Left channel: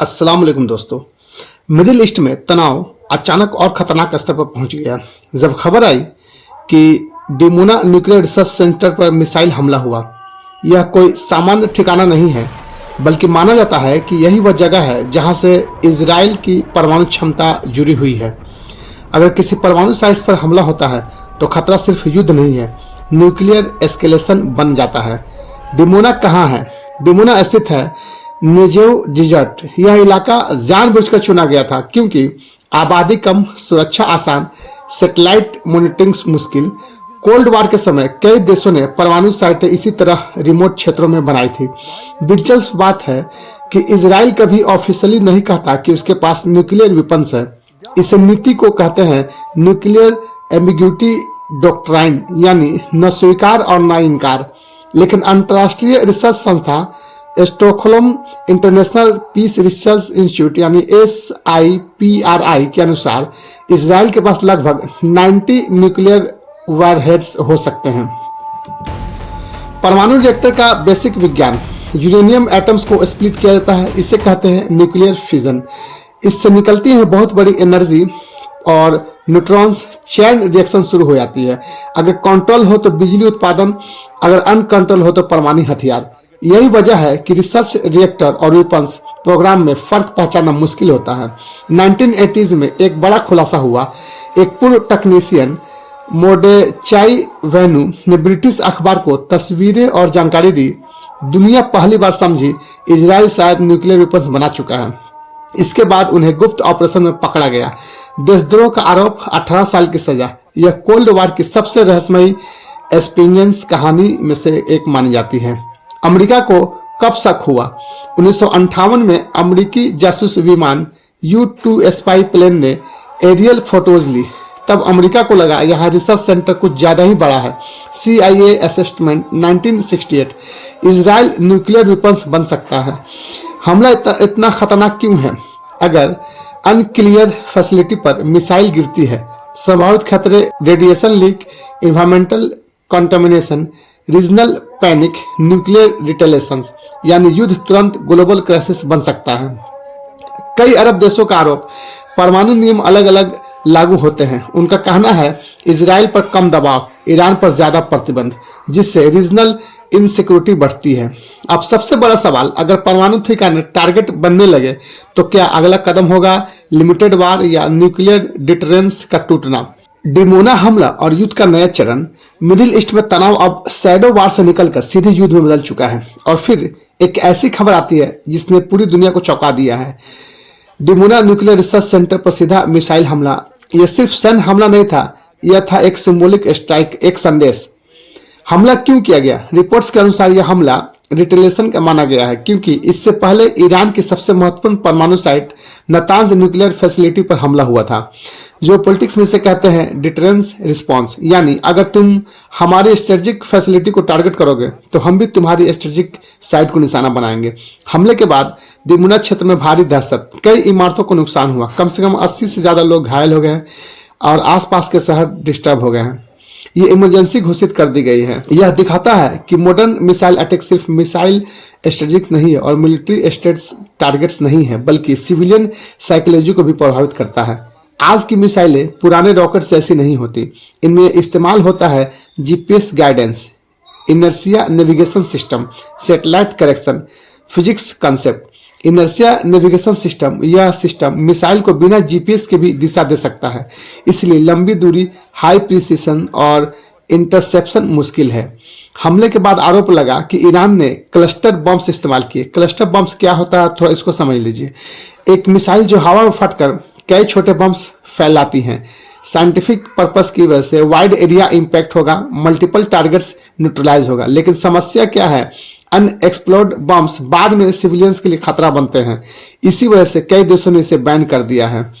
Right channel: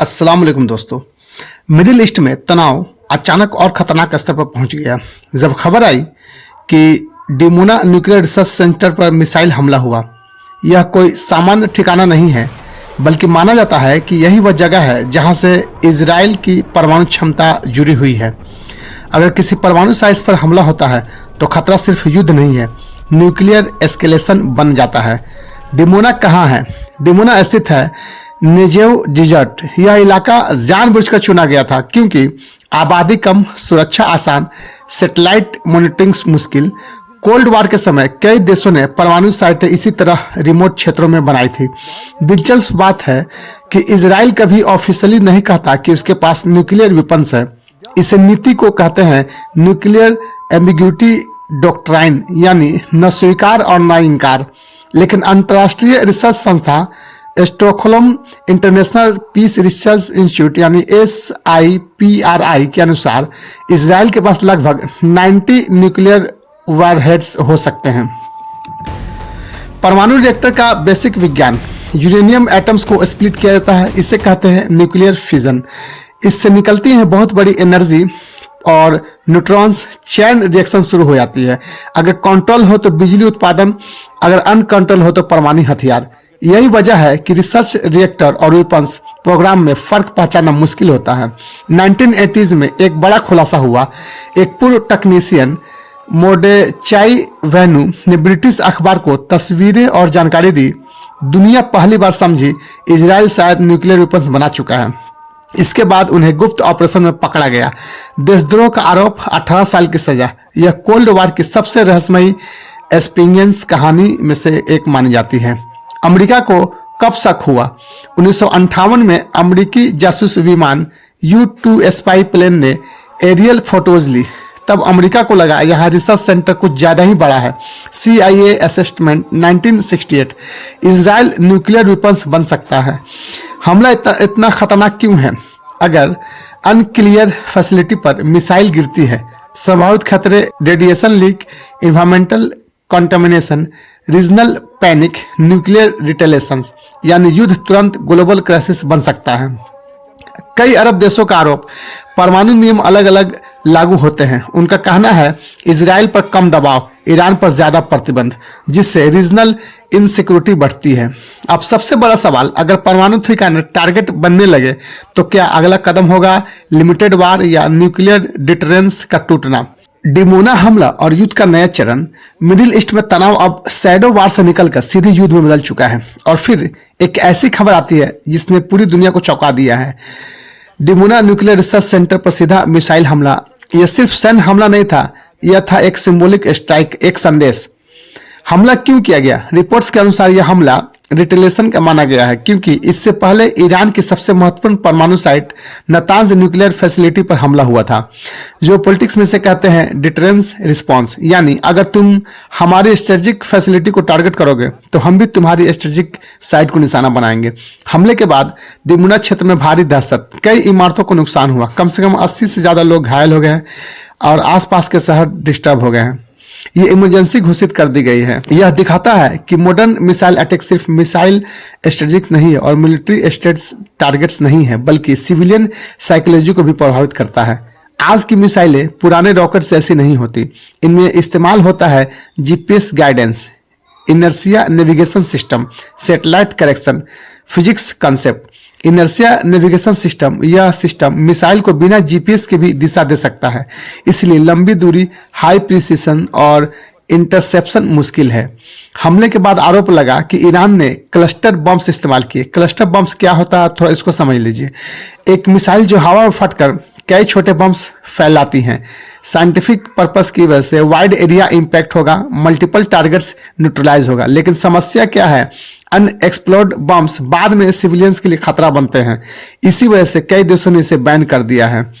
अस्सलाम वालेकुम दोस्तों। मिडिल ईस्ट में तनाव अचानक और खतरनाक स्तर पर पहुंच गया जब खबर आई कि डिमोना न्यूक्लियर रिसर्च सेंटर पर मिसाइल हमला हुआ। यह कोई सामान्य ठिकाना नहीं है, बल्कि माना जाता है कि यही वह जगह है जहां से इजराइल की परमाणु क्षमता जुड़ी हुई है। अगर किसी परमाणु साइट्स पर हमला होता है तो खतरा सिर्फ युद्ध नहीं है, न्यूक्लियर एस्केलेशन बन जाता है। डिमोना कहाँ है? डिमोना स्थित है नेजेव डिजर्ट। यह इलाका जानबूझकर चुना गया था क्योंकि आबादी कम, सुरक्षा आसान, सैटेलाइट मॉनिटरिंग मुश्किल। कोल्ड वार के समय कई देशों ने परमाणु साइटें इसी तरह रिमोट क्षेत्रों में बनाई थी। दिलचस्प बात है कि इजराइल कभी ऑफिशियली नहीं कहता कि उसके पास न्यूक्लियर वेपन्स है। इसे नीति को कहते हैं न्यूक्लियर एम्बिग्यूटी डॉक्ट्राइन, यानी न स्वीकार और न इंकार। लेकिन अंतर्राष्ट्रीय रिसर्च संस्था Stockholm International Peace Research Institute यानी SIPRI के अनुसार इजराइल के पास लगभग 90 न्यूक्लियर वारहेड्स हो सकते हैं। परमाणु रिएक्टर का बेसिक विज्ञान, यूरेनियम एटम्स को स्प्लिट किया जाता है, इसे कहते हैं न्यूक्लियर फिजन। इससे निकलती है बहुत बड़ी एनर्जी और न्यूट्रॉन्स चैन रिएक्शन शुरू हो जाती है। अगर कंट्रोल हो तो बिजली उत्पादन, अगर अनकंट्रोल हो तो परमाणु हथियार। यही वजह है कि रिसर्च रिएक्टर और वेपन्स प्रोग्राम में फर्क पहचानना मुश्किल होता है। 1980s में एक बड़ा खुलासा हुआ। एक पूर्व टेक्नीशियन मोर्डेचाई वैनु ने ब्रिटिश अखबार को तस्वीरें और जानकारी दी। दुनिया पहली बार समझी इजराइल शायद न्यूक्लियर वेपन्स बना चुका है। इसके बाद उन्हें गुप्त ऑपरेशन में पकड़ा गया। देशद्रोह का आरोप, 18 साल की सजा। यह कोल्ड वार की सबसे रहस्यमयी एक्सपीरियंस कहानी में से एक मानी जाती है। अमेरिका को कब शक हुआ? 1958 में अमेरिकी जासूस विमान U-2 स्पाई प्लेन ने एरियल फोटोज ली। तब अमेरिका को लगा यहाँ रिसर्च सेंटर कुछ ज्यादा ही बड़ा है। CIA assessment 1968, Israel nuclear weapons बन सकता है। हमला इतना खतरनाक क्यों है? अगर अनक्लियर फैसिलिटी पर मिसाइल गिरती है, संभावित खतरे radiation leak, environmental contamination, regional panic, nuclear retaliations, यानी युद्ध तुरंत ग्लोबल क्राइसिस बन सकता है। कई अरब देशों का आरोप, परमाणु नियम अलग अलग लागू होते हैं। उनका कहना है इजराइल पर कम दबाव, ईरान पर ज्यादा प्रतिबंध, जिससे रीजनल इनसिक्योरिटी बढ़ती है। अब सबसे बड़ा सवाल, अगर परमाणु ठिकाने टारगेट बनने लगे तो क्या अगला कदम होगा लिमिटेड वार या न्यूक्लियर डिटरेंस का टूटना? डिमोना हमला और युद्ध का नया चरण। मिडिल ईस्ट में तनाव अब शैडो वार से निकलकर सीधे युद्ध में बदल चुका है। और फिर एक ऐसी खबर आती है जिसने पूरी दुनिया को चौंका दिया है। डिमोना न्यूक्लियर रिसर्च सेंटर पर सीधा मिसाइल हमला। यह सिर्फ सैन्य हमला नहीं था, यह था एक सिंबॉलिक स्ट्राइक, एक संदेश। हमला क्यों किया गया? रिपोर्ट्स के अनुसार यह हमला रिटेलेशन का माना गया है क्योंकि इससे पहले ईरान की सबसे महत्वपूर्ण परमाणु साइट नतांज न्यूक्लियर फैसिलिटी पर हमला हुआ था। जो पॉलिटिक्स में से कहते हैं डिटरेंस रिस्पांस, यानी अगर तुम हमारी स्ट्रेटेजिक फैसिलिटी को टारगेट करोगे तो हम भी तुम्हारी स्ट्रेटेजिक साइट को निशाना बनाएंगे। हमले के बाद डिमोना क्षेत्र में भारी दहशत, कई इमारतों को नुकसान हुआ, कम से कम 80 से ज्यादा लोग घायल हो गए हैं और आसपास के शहर डिस्टर्ब हो गए हैं। ये इमरजेंसी घोषित कर दी गई है। यह दिखाता है कि मॉडर्न मिसाइल अटैक सिर्फ मिसाइल स्ट्रेटेजिक्स नहीं है और मिलिट्री स्टेट्स टारगेट्स नहीं है, बल्कि सिविलियन साइकोलॉजी को भी प्रभावित करता है। आज की मिसाइलें पुराने रॉकेट से ऐसी नहीं होती। इनमें इस्तेमाल होता है GPS guidance, inertia navigation system, satellite correction, physics concept. Inertia navigation system, यह सिस्टम मिसाइल को बिना GPS के भी दिशा दे सकता है, इसलिए लंबी दूरी, हाई प्रिसिशन और इंटरसेप्शन मुश्किल है। हमले के बाद आरोप लगा कि ईरान ने क्लस्टर बम्स इस्तेमाल किए। क्लस्टर बम्स क्या होता है, थोड़ा इसको समझ लीजिए। एक मिसाइल जो हवा में फटकर कई छोटे बम्स फैलाती हैं। साइंटिफिक पर्पस की वजह से वाइड एरिया इंपैक्ट होगा, मल्टीपल टारगेट्स न्यूट्रलाइज होगा। लेकिन समस्या क्या है? अनएक्सप्लोर्ड बम्स बाद में सिविलियंस के लिए खतरा बनते हैं। इसी वजह से कई देशों ने इसे बैन कर दिया है।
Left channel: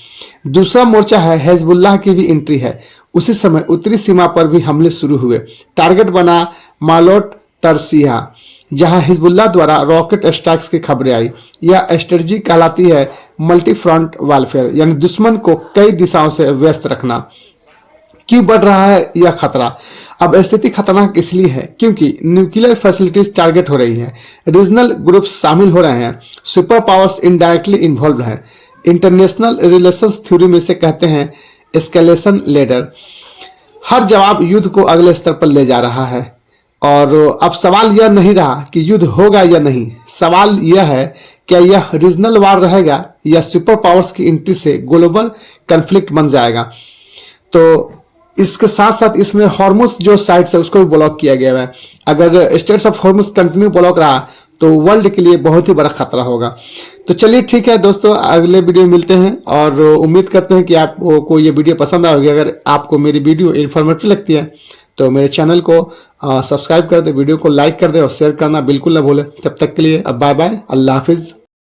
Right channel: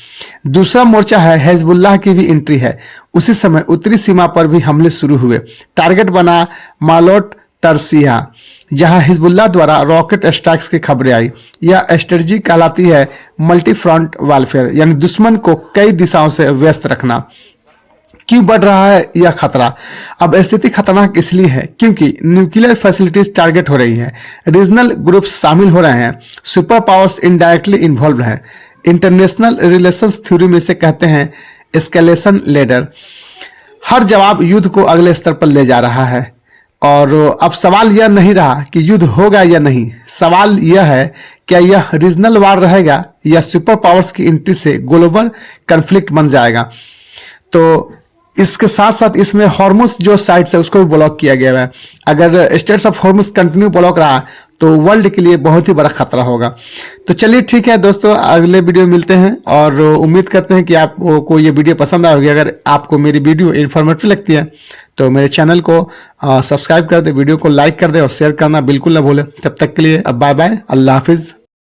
दूसरा मोर्चा है हिजबुल्लाह की भी एंट्री है। उसी समय उत्तरी सीमा पर भी हमले शुरू हुए। टारगेट बना मालोट तरसिया, जहां हिजबुल्लाह द्वारा रॉकेट स्ट्राइक्स की खबरें आई। यह स्ट्रेटजी कहलाती है मल्टी फ्रंट वारफेयर, यानी दुश्मन को कई दिशाओं से व्यस्त रखना। क्यों बढ़ रहा है यह खतरा? अब स्थिति खतरनाक इसलिए है क्योंकि न्यूक्लियर फैसिलिटीज टारगेट हो रही हैं, रीजनल ग्रुप्स शामिल हो रहे हैं, सुपर पावर्स इनडायरेक्टली इन्वॉल्व हैं। इंटरनेशनल रिलेशंस थ्योरी में से कहते हैं एस्केलेशन लेडर। हर जवाब युद्ध को अगले स्तर पर ले जा रहा है। और अब सवाल यह नहीं रहा कि युद्ध होगा या नहीं, सवाल यह है क्या यह रीजनल वार रहेगा या सुपर पावर्स की एंट्री से ग्लोबल कन्फ्लिक्ट बन जाएगा। तो इसके साथ साथ इसमें हॉर्मुज जो साइट्स है उसको भी ब्लॉक किया गया है। अगर states of Hormuz continue block रहा तो वर्ल्ड के लिए बहुत ही बड़ा खतरा होगा। तो चलिए ठीक है दोस्तों, अगले वीडियो मिलते हैं और उम्मीद करते हैं कि आपको ये वीडियो पसंद आएगी। अगर आपको मेरी वीडियो इन्फॉर्मेटिव लगती है तो मेरे चैनल को सब्सक्राइब कर दे, वीडियो को लाइक कर दे और शेयर करना बिल्कुल ना भूलें। तब तक के लिए अब बाय बाय, अल्लाह हाफिज।